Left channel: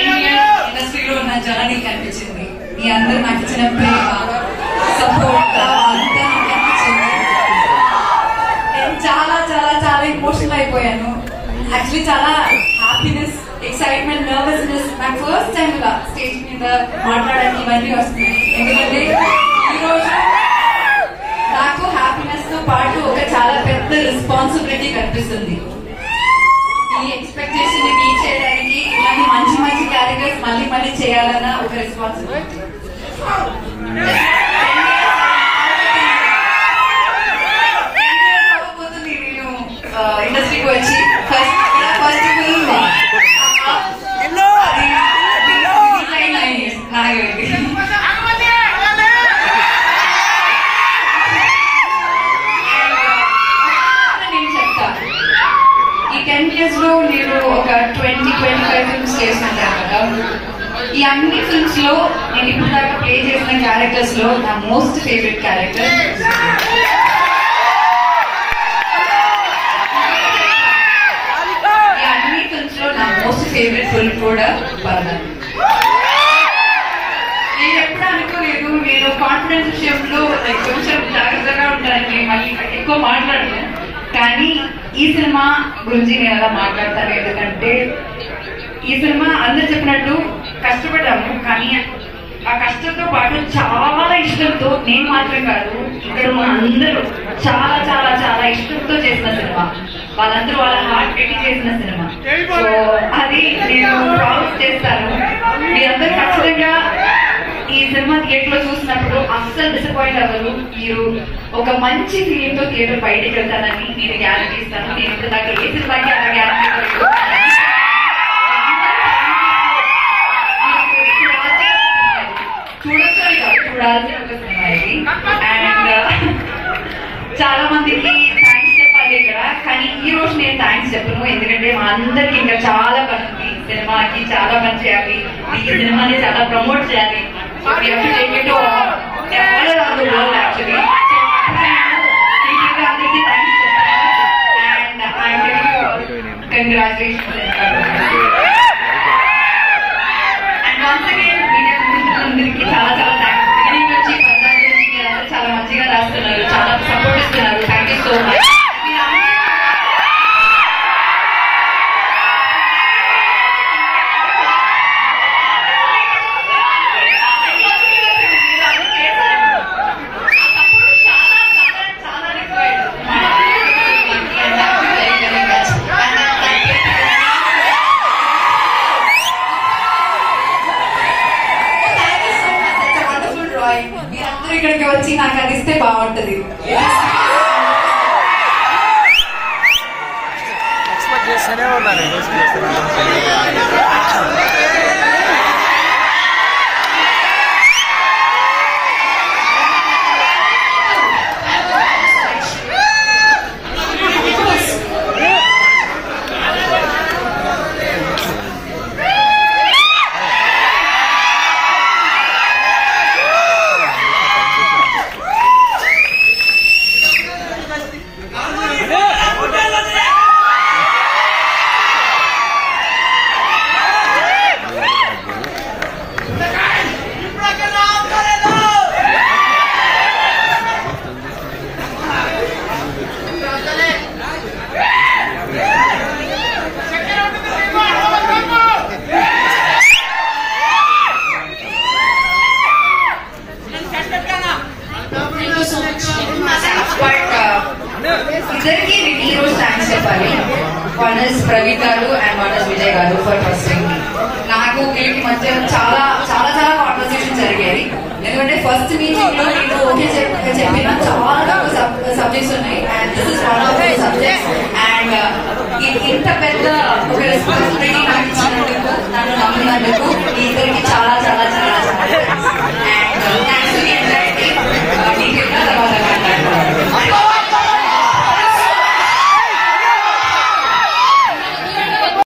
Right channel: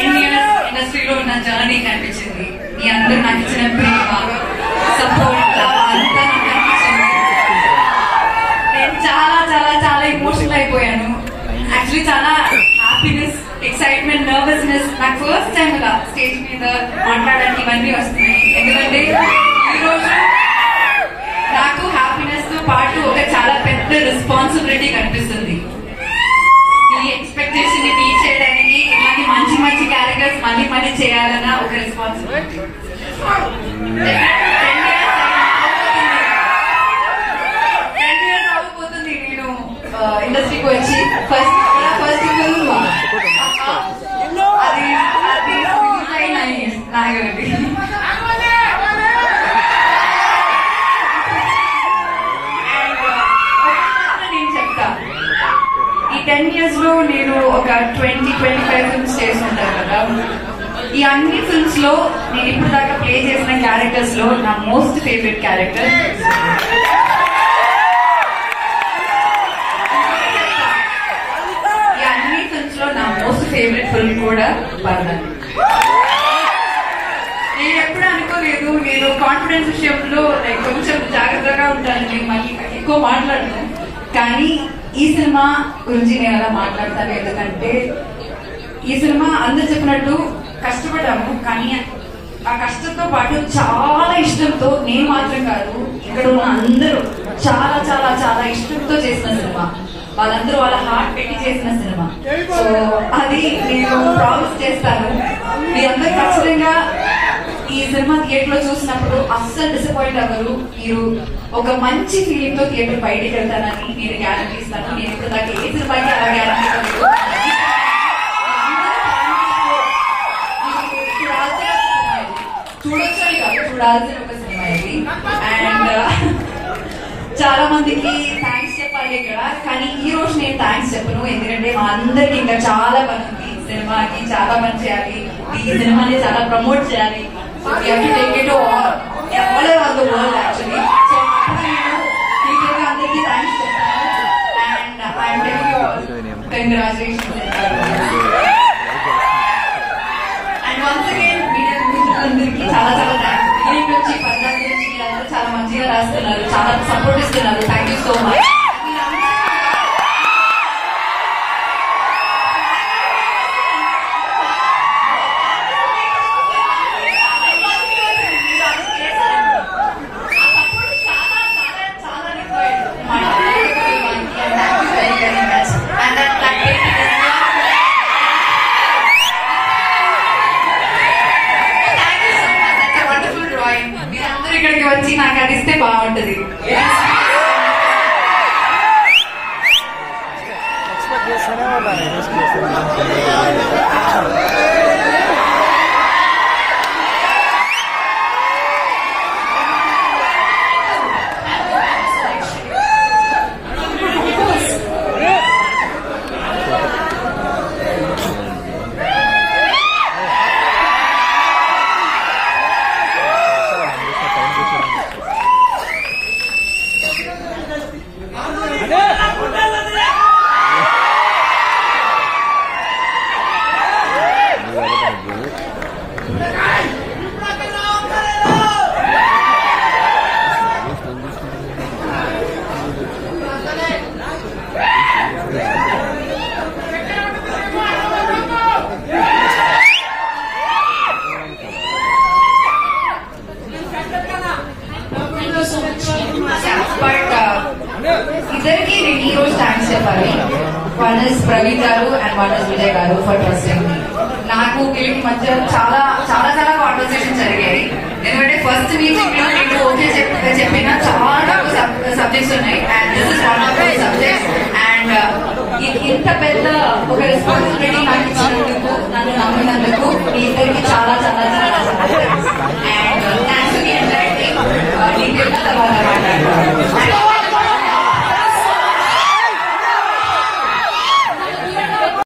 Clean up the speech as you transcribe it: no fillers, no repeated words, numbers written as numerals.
10 years ఇండస్ట్రీలో ఉన్న journey కనిపించింది. మీ అందరూ నాకు ఇచ్చిన ప్రేమ, సపోర్ట్ అంతా నాకు అనిపించింది. నేను చాలా చాలా చాలా ఎమోషనల్ అయిపోయాను. యాక్చువల్లీ చాలా హ్యాపీనెస్, ఎక్సైట్మెంట్, నర్వస్నెస్. నాకు ఫస్ట్ టైం ఇలా స్టేజ్ మీద మాట్లాడడానికి ఇవన్నీ వస్తున్నాయి. ఎందుకంటే ఈరోజు నాకు హ్యాపీనెస్ తో పాటు ఒక చాలా పెద్ద రెస్పాన్సిబిలిటీ కనిపిస్తుంది. ఈ ఎక్స్పెక్టేషన్ ని రీచ్ చేయడానికి ఇలాంటి మంచి మంచి క్యారెక్టర్స్ మళ్ళీ మళ్ళీ చేయాలన్న ఒక రెస్పాన్సిబిలిటీ. 10 years అవ్వబోతుంది నేను ఇండస్ట్రీకి వచ్చి. ఫస్ట్ ఫిల్మ్ నాగండి. నేను చెప్తా, ఈ 10 years లో నేను ఒక 20-25 ఫిల్మ్స్ చేస్తుంటాను కదా. ఈ అన్ని ఫిల్మ్స్ లో నేను ఇప్పుడు దాకా ప్లే చేసిన క్యారెక్టర్స్ లో నా మోస్ట్ ఫేవరెట్ క్యారెక్టర్ ఈ అన్ని ఫిల్మ్స్ లో నా మోస్ట్ ఫేవరెట్ ఫిల్మ్ కూడా పరదాన్. నేను ఎప్పుడు అనుకోలేదు, నేను కాన్ఫిడెన్స్ విషయంలో కొంచెం జాగ్రత్తగా ఉంటానండి, మళ్ళీ ఎక్కువ మాట్లాడను. కానీ ఈ సినిమా గురించి నేను అలా మాట్లాడతాను. ఎందుకంటే ఈ సినిమా అందరు చెప్పినట్టు కష్టపడ్డాము, కానీ ఆ కష్టంతో పాటు చాలా ఇష్టంతో, నేను మాత్రం కాదు ఇక్కడ ఉన్న అందరూ చాలా చాలా చాలా ఇష్టంతో చేసిన సినిమా. వాళ్ళందరూ వాళ్ళ హార్ట్ పెట్టి చేసిన సినిమా. సో అది నేను ప్రామిస్ చేస్తాను, మీ అందరు ఖచ్చితంగా ఈ సినిమా థియేటర్ లో చూసినప్పుడు అస్సలు డిసప్పాయింట్ అవ్వరు. మీరు ఒక మంచి ఫీలింగ్ తో థియేటర్ బయటకు వెళ్తానని నేను గ్యారంటీ ఇస్తాను. నేను ఇప్పుడు దాకా ఏ సినిమాకి అలా గ్యారంటీ ఇవ్వలేదు. చూడొచ్చని కాదు, చూడాల్సిన ఒక సినిమా ఇది. అండ్ చాలా మందికి థ్యాంక్స్ చెప్పాలి ఇక్కడ, కానీ ఈ రోజు నేను థ్యాంక్స్ చెప్పను. ఎందుకంటే మా అందరికి ఇంకా చాలా పని ఉంది. సినిమాకి చాలా పని చేయాలి, ఈ సినిమాని చాలా ప్రమోట్ చేయాలి. So we have to take it to all around the world actually. So అందరికీ థ్యాంక్స్ చెప్తాను. And I'm telling you all congratulations. And once again media మిత్రులందరికీ చాలా చాలా థ్యాంక్స్. బిగినింగ్ నుంచి పద్నాలుగు నుంచి మీరందరూ చాలా మంచిగా రాస్తున్నారు, చాలా సపోర్ట్ ఇస్తున్నారు. Thank you so much. మీరందరూ ఇక్కడికి వచ్చి నాకు అది ఇస్తే బాగుంటది. ఎక్స్పెక్ట్ చేస్తూనే ఉన్నాను. ఇద్దరికి నేను ఈ రోజు థ్యాంక్స్ చెప్పాలి. వన్ ఇస్ ప్రవీణ్ గారు అండ్ వన్ ఇస్ విజయ్ గారు ఫర్ ట్రస్టింగ్ మీ. నాకు వీళ్ళకి మధ్య చాలా చాలా చాలా కాన్వర్సేషన్ జరిగాయి. ఎందుకంటే ఫస్ట్ నుంచి నేను ఓకే చెప్పిన చాలా సబ్జెక్ట్స్ ఉన్నాయి. And this is one of the subjects. And ఇంత పెద్ద ఒక రెస్పాన్సిబిలిటీ